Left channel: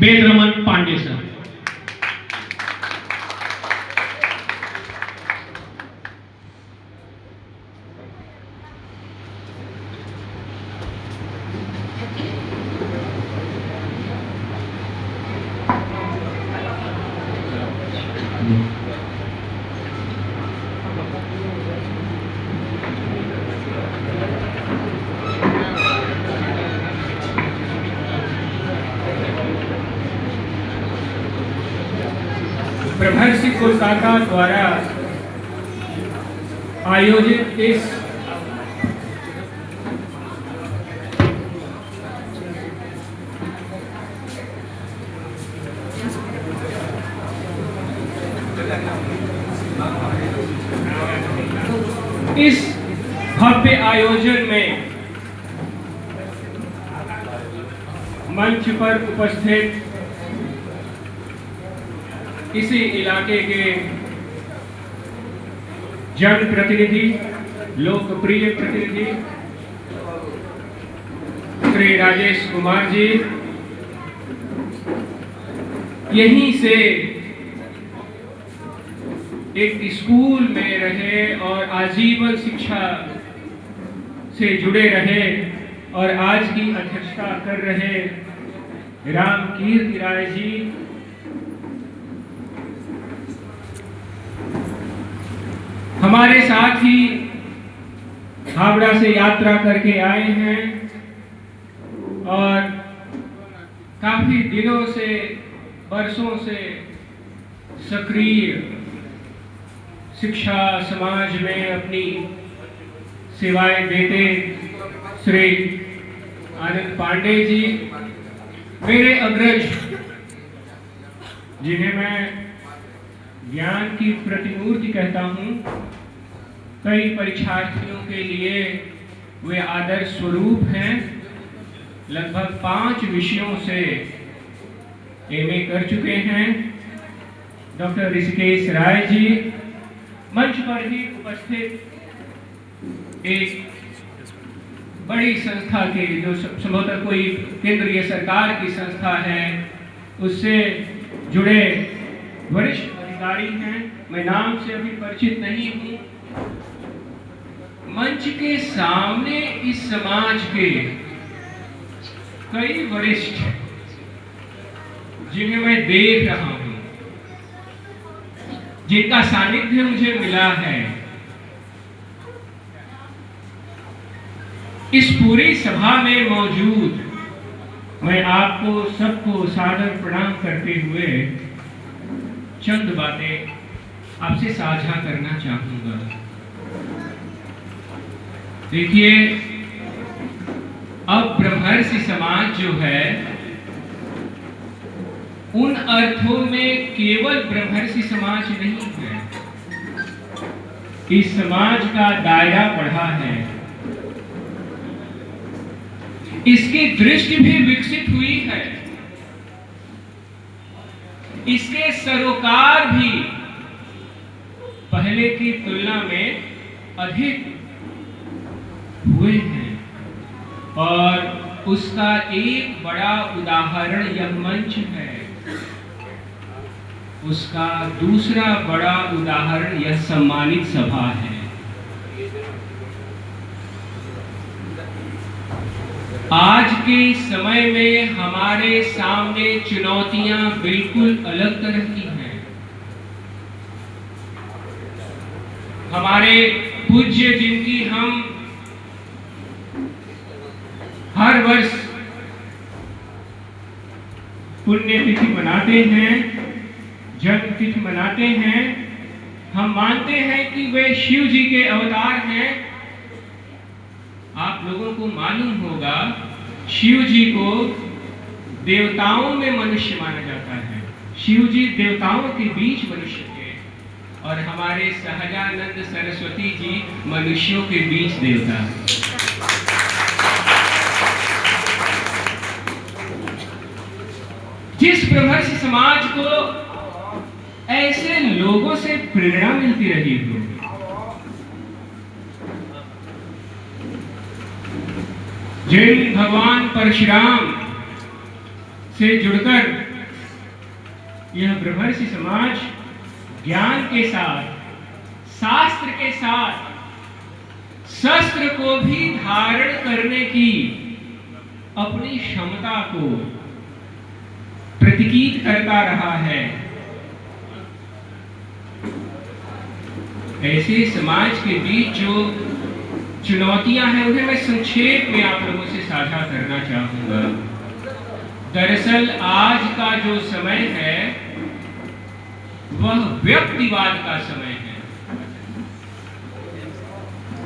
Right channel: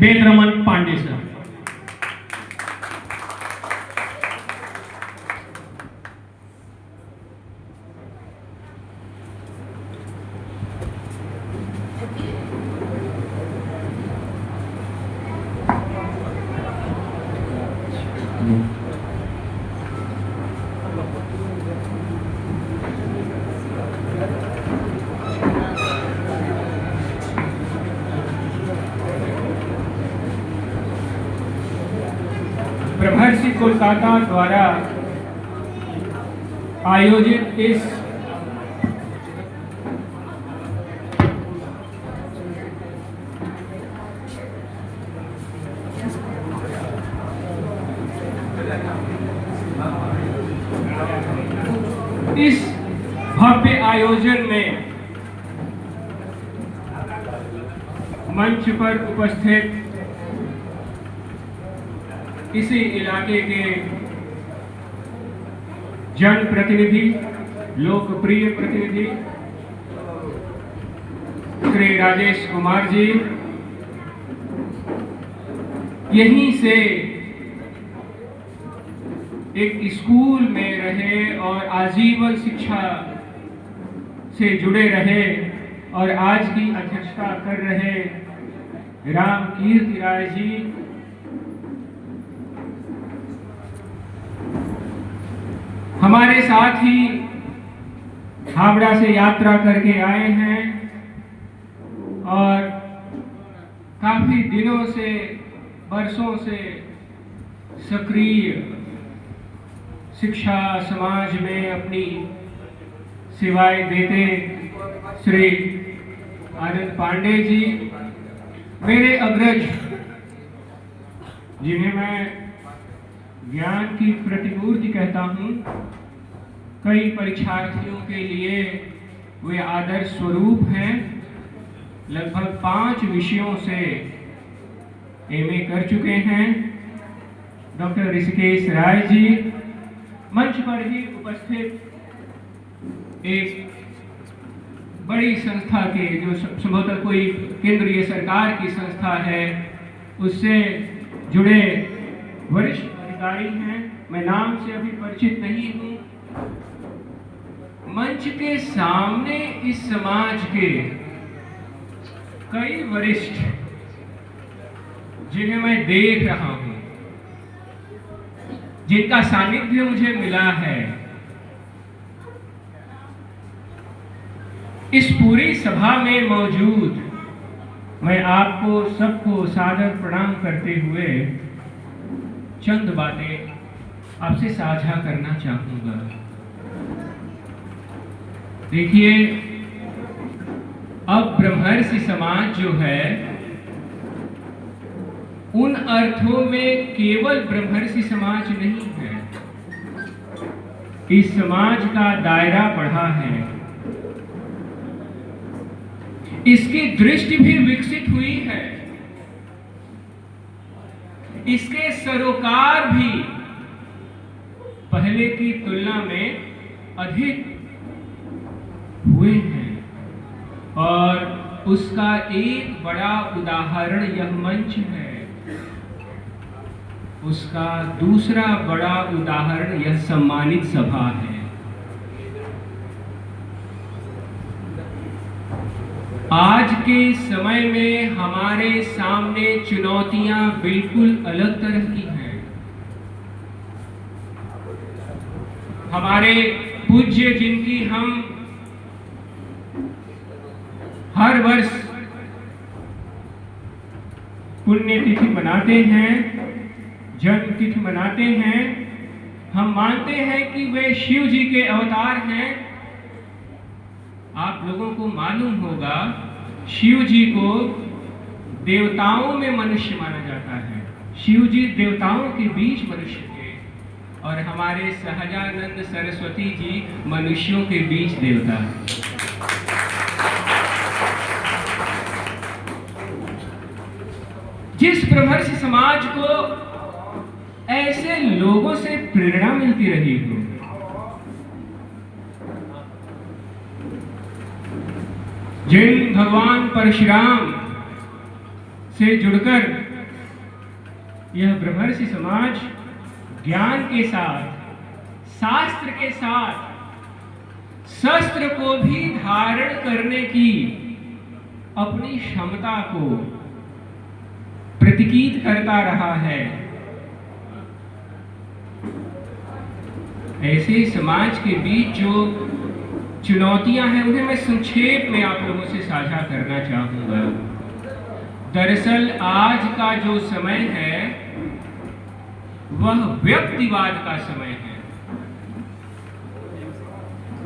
वेदरमन Pandey sir. ब्रह्मर्षि कोलकाता द्वारा आयोजित इस भव्य आयोजन में मंच पर उपस्थित इसी इलाके के जनप्रतिनिधि, लोकप्रिय प्रतिनिधि श्री राजेश कुमार जी, यहीं से एक स्कूल में रहे और आजीवन शिक्षा से जुड़े रहे और आज की अध्यक्षता कर रहे राम कीर्ति राय जी, हमारे साथ ही हावड़ा से यात्रा करके आए हैं और काफी दिनों से, वर्षों से सक्रिय शिक्षा समाज में अपनी सेवाएं देते श्री आनंद पांडे जी, मेरे अग्रज, जिन्हें मैं ज्ञान की प्रतिमूर्ति कहता हूं, कई परीक्षार्थियों के लिए वे आदर्श स्वरूप हैं। लगभग 5 विषयों से एमए कर चुके हैं। डॉक्टर ऋषिकेश राय जी मंच पर ही उपस्थित एक बड़ी संस्था के, जो संभवतः कोई केंद्रीय सरकार की संस्था है, उससे जुड़े वरिष्ठ अधिकारी हैं। मैं नाम से अभी परिचित नहीं हूं। मंच के सामने इस समाज के कई वरिष्ठ, जिन्हें मैं देख रहा हूं, जिनका सानिध्य मुझे मिला है, इस पूरी सभा में मौजूद, मैं आपको सबको सादर प्रणाम करते हुए चंद बातें आपसे साझा करना चाहूंगा। देखिए, अब ब्रह्मर्षि समाज जो है, उन अर्थों में केवल ब्रह्मर्षि समाज नहीं है। इस समाज का दायरा बढ़ा है, इसकी दृष्टि भी विकसित हुई है, इसके सरोकार भी पहले की तुलना में अधिक हुए हैं और उसका एक बड़ा उदाहरण यह मंच है। उसका दूसरा बड़ा उदाहरण यह सम्मानित सभा है। आज के समय में हमारे सामने चुनौतियां बिल्कुल अलग तरह की हैं। हमारे पूज्य, जिनकी हम हर वर्ष पुण्यतिथि मनाते हैं, जन्म तिथि मनाते हैं, हम मानते हैं कि वे शिव जी के अवतार हैं। आप लोगों को मालूम होगा, शिव जी को देवताओं में मनुष्य माना जाता है। शिव जी देवताओं के बीच मनुष्य थे और हमारे सहजानंद सरस्वती जी मनुष्यों के बीच देवता। जिस ब्रह्मर्षि समाज को ऐसे लोगों से प्रेरणा मिलती रही हो, जिन भगवान परशुराम से जुड़कर यह ब्रह्मर्षि समाज ज्ञान के साथ, शास्त्र के साथ, शस्त्र को भी धारण करने की अपनी क्षमता को प्रतीकित करता रहा है। ऐसे समाज के बीच जो चुनौतियां हैं उन्हें मैं संक्षेप में आप लोगों से साझा करना चाहूंगा। दरअसल आज का जो समय है वह व्यक्तिवाद का समय है।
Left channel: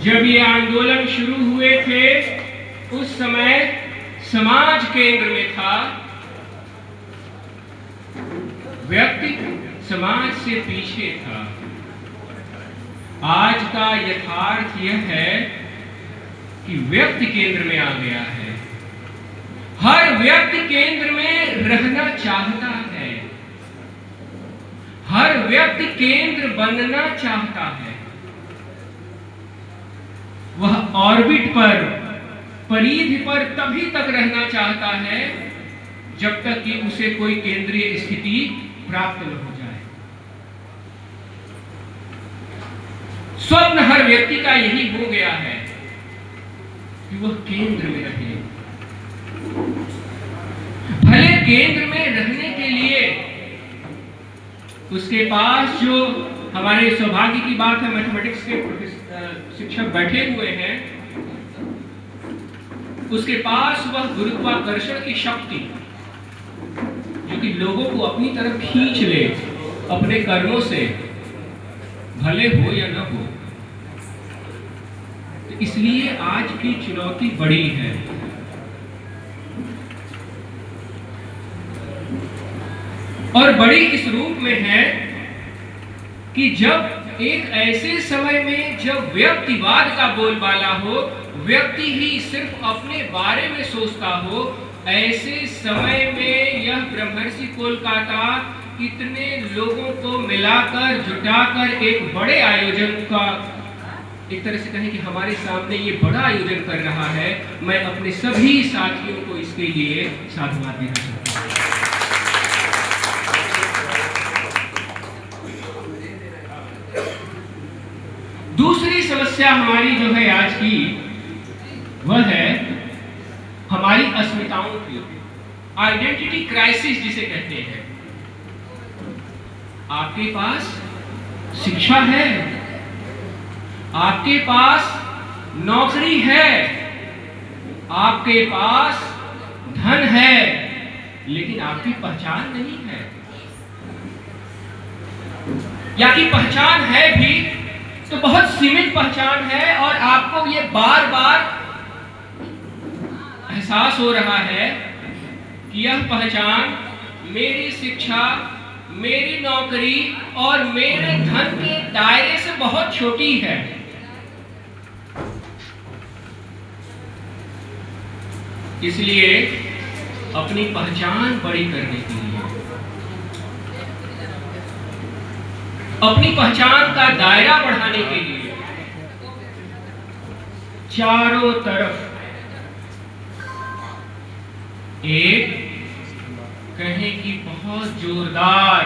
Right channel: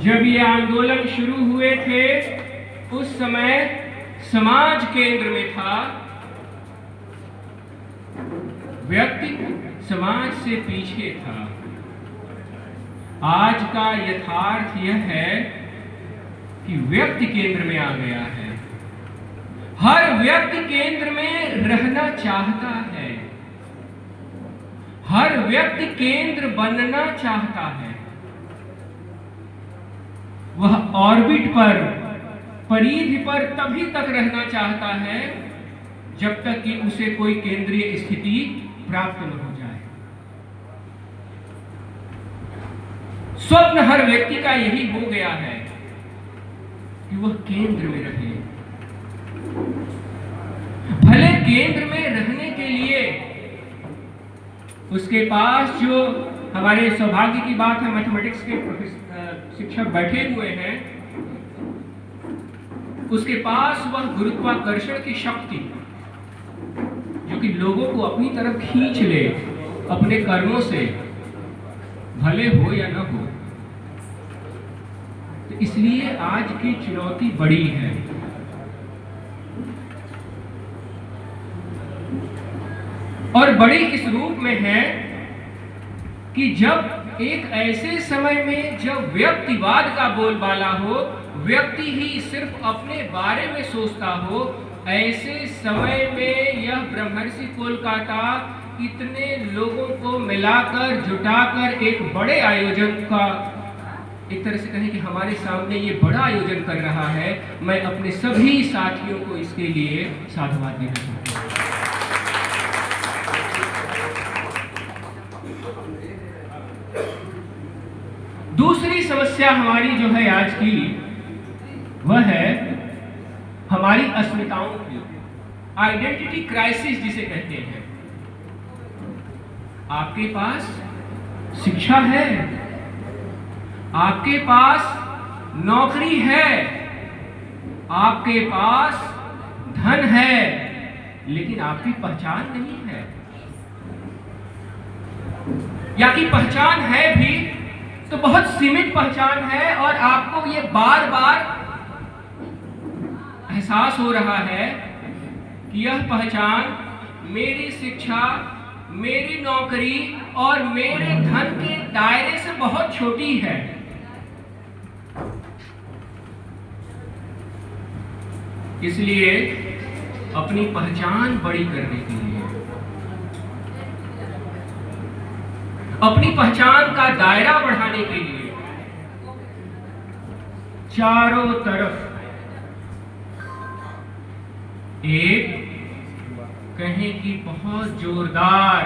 जब ये आंदोलन शुरू हुए थे उस समय समाज केंद्र में था, व्यक्ति समाज से पीछे था। आज का यथार्थ यह है कि व्यक्ति केंद्र में आ गया है। हर व्यक्ति केंद्र में रहना चाहता है, हर व्यक्ति केंद्र बनना चाहता है। वह ऑर्बिट पर, परिधि पर तभी तक रहना चाहता है जब तक कि उसे कोई केंद्रीय स्थिति प्राप्त न हो जाए। स्वप्न हर व्यक्ति का यही हो गया है कि वह केंद्र में रहे। भले केंद्र में रहने के लिए उसके पास, जो हमारे सौभाग्य की बात है, मैथमेटिक्स के शिक्षक बैठे हुए हैं, उसके पास वह गुरुत्वाकर्षण की शक्ति जो कि लोगों को अपनी तरफ खींच ले अपने कर्मों से, भले हो या न हो। तो इसलिए आज की चुनौती बड़ी है। और बड़ी इस रूप में है कि जब एक ऐसे समय में जब व्यक्तिवाद का बोलबाला हो, व्यक्ति ही सिर्फ अपने बारे में सोचता हो, ऐसे समय में यह ब्रह्मर्षि कोलकाता इतने लोगों को मिलाकर, जुटाकर एक बड़े आयोजन का, एक तरह से कहें कि हमारे सामने ये बड़ा आयोजन कर रहा है। मैं अपने सभी साथियों को इसके लिए साधुवाद देना चाहता हूँ। दूसरी समस्या हमारी जो है आज की, वह है हमारी अस्मिताओं की, आइडेंटिटी क्राइसिस जिसे कहते हैं। आपके पास शिक्षा है, आपके पास नौकरी है, आपके पास धन है, लेकिन आपकी पहचान नहीं है, या कि पहचान है भी तो बहुत सीमित पहचान है। और आपको ये बार बार एहसास हो रहा है कि यह पहचान मेरी शिक्षा, मेरी नौकरी और मेरे धन के दायरे से बहुत छोटी है। इसलिए अपनी पहचान बड़ी करने के लिए, अपनी पहचान का दायरा बढ़ाने के लिए चारों तरफ एक कहें कि बहुत जोरदार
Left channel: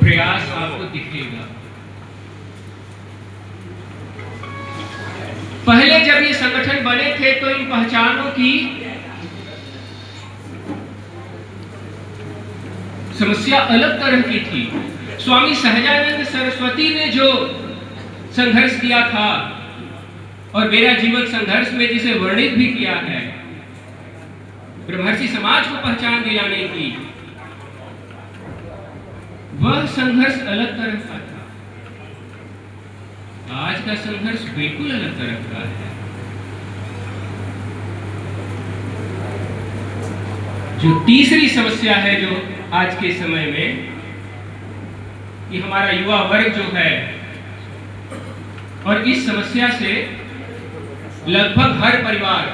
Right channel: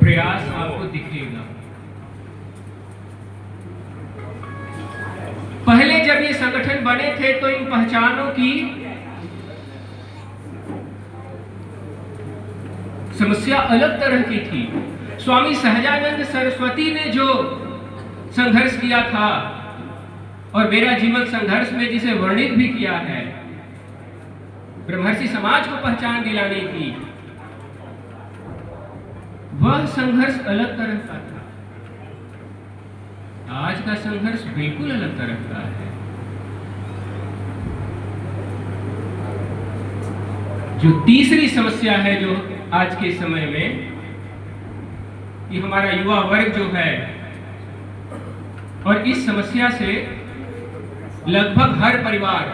प्रयास आपको दिखेगा। पहले जब ये संगठन बने थे तो इन पहचानों की समस्या अलग तरह की थी। स्वामी सहजानंद सरस्वती ने जो संघर्ष किया था, और मेरा जीवन संघर्ष में जिसे वर्णित भी किया है, ब्रह्मर्षि समाज को पहचान दिलाने की, वह संघर्ष अलग तरह का था। आज का संघर्ष बिल्कुल अलग तरह का है। जो तीसरी समस्या है जो आज के समय में, कि हमारा युवा वर्ग जो है, और इस समस्या से लगभग हर परिवार,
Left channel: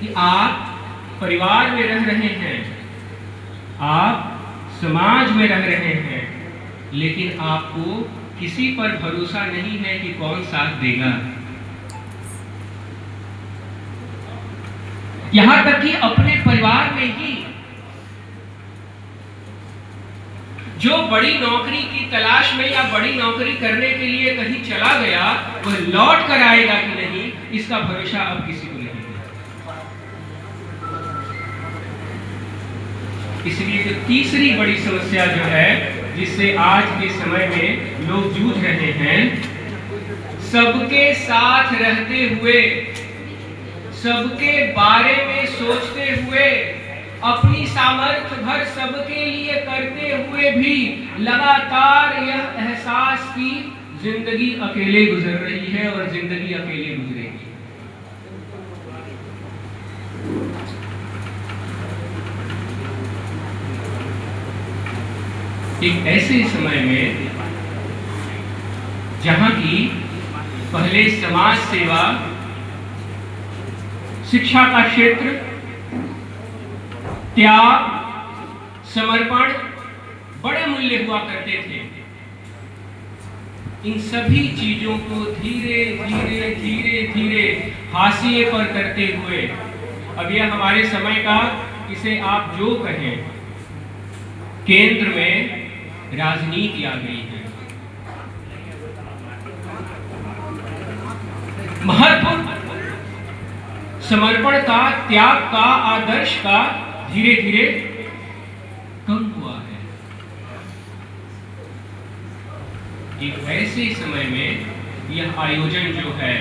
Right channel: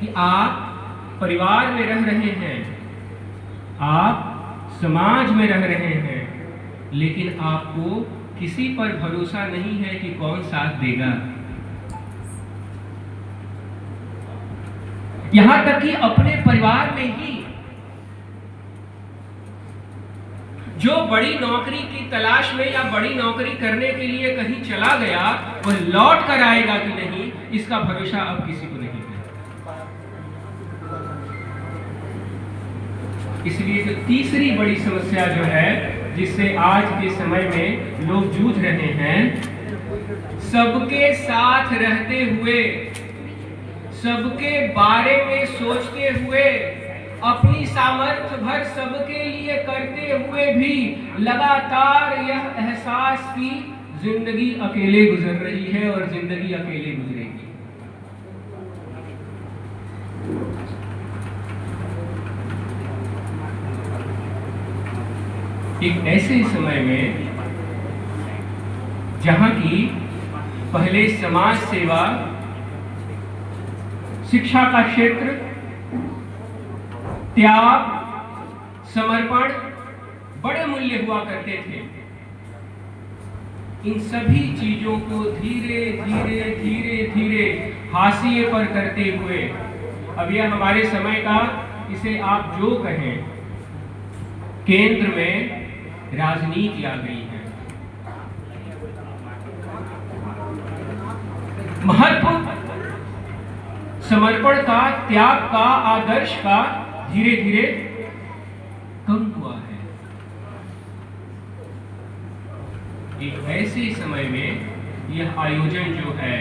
कि आप परिवार में रह रहे हैं, आप समाज में रह रहे हैं, लेकिन आपको किसी पर भरोसा नहीं है कि कौन साथ देगा। यहां तक कि अपने परिवार में ही जो बड़ी नौकरी की तलाश में या बड़ी नौकरी करने के लिए कहीं चला गया, वह लौट कर आएगा कि नहीं, इसका भरोसा अब किसी को नहीं है। इसलिए तो तीसरी बड़ी समस्या जो है, जिससे आज के समय में लोग जूझ रहे हैं, सबके साथ रहते हुए, सबके बारे में सोचते हुए, अपनी सामर्थ्य भर सबके लिए करते हुए भी लगातार यह एहसास की जिंदगी अकेले गुजर रही है और जिंदगी अकेले गुजरेगी। एक ऐसे समय में जहां की पहले समाज सेवा, शिक्षा का क्षेत्र, त्याग, समर्पण बड़े मूल्य हुआ करते थे, इन सभी चीजों को धीरे धीरे धीरे धीरे हाशिए पर करते हुए अब यह हमारे समय का, इसे आप जो कहें, केंद्र में राजनीति आ गई है। महत्व समर्पण का, त्याग का, आदर्श का धीरे धीरे कम हुआ है। एक ऐसे समय में यह आयोजन जो है,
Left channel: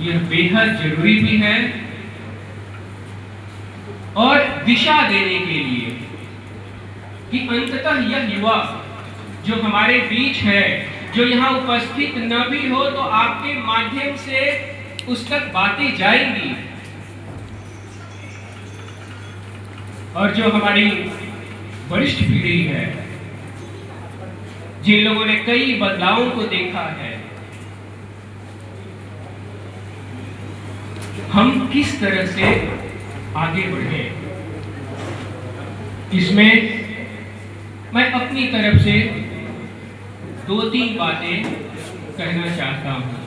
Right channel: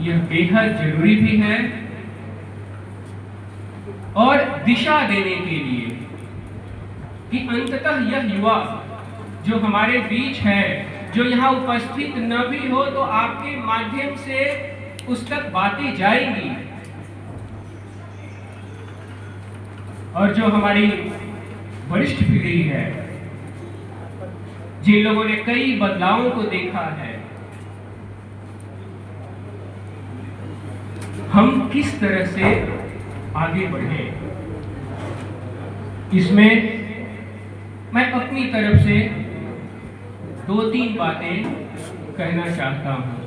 यह बेहद जरूरी भी है और दिशा देने के लिए कि अंततः यह युवा जो हमारे बीच है, जो यहाँ उपस्थित न भी हो तो आपके माध्यम से उस तक बातें जाएंगी, और जो हमारी वरिष्ठ पीढ़ी है, जिन लोगों ने कई बदलावों को देखा है, हम किस तरह से आगे बढ़े, इसमें मैं अपनी तरफ से 2-3 बातें कहना चाहता हूं।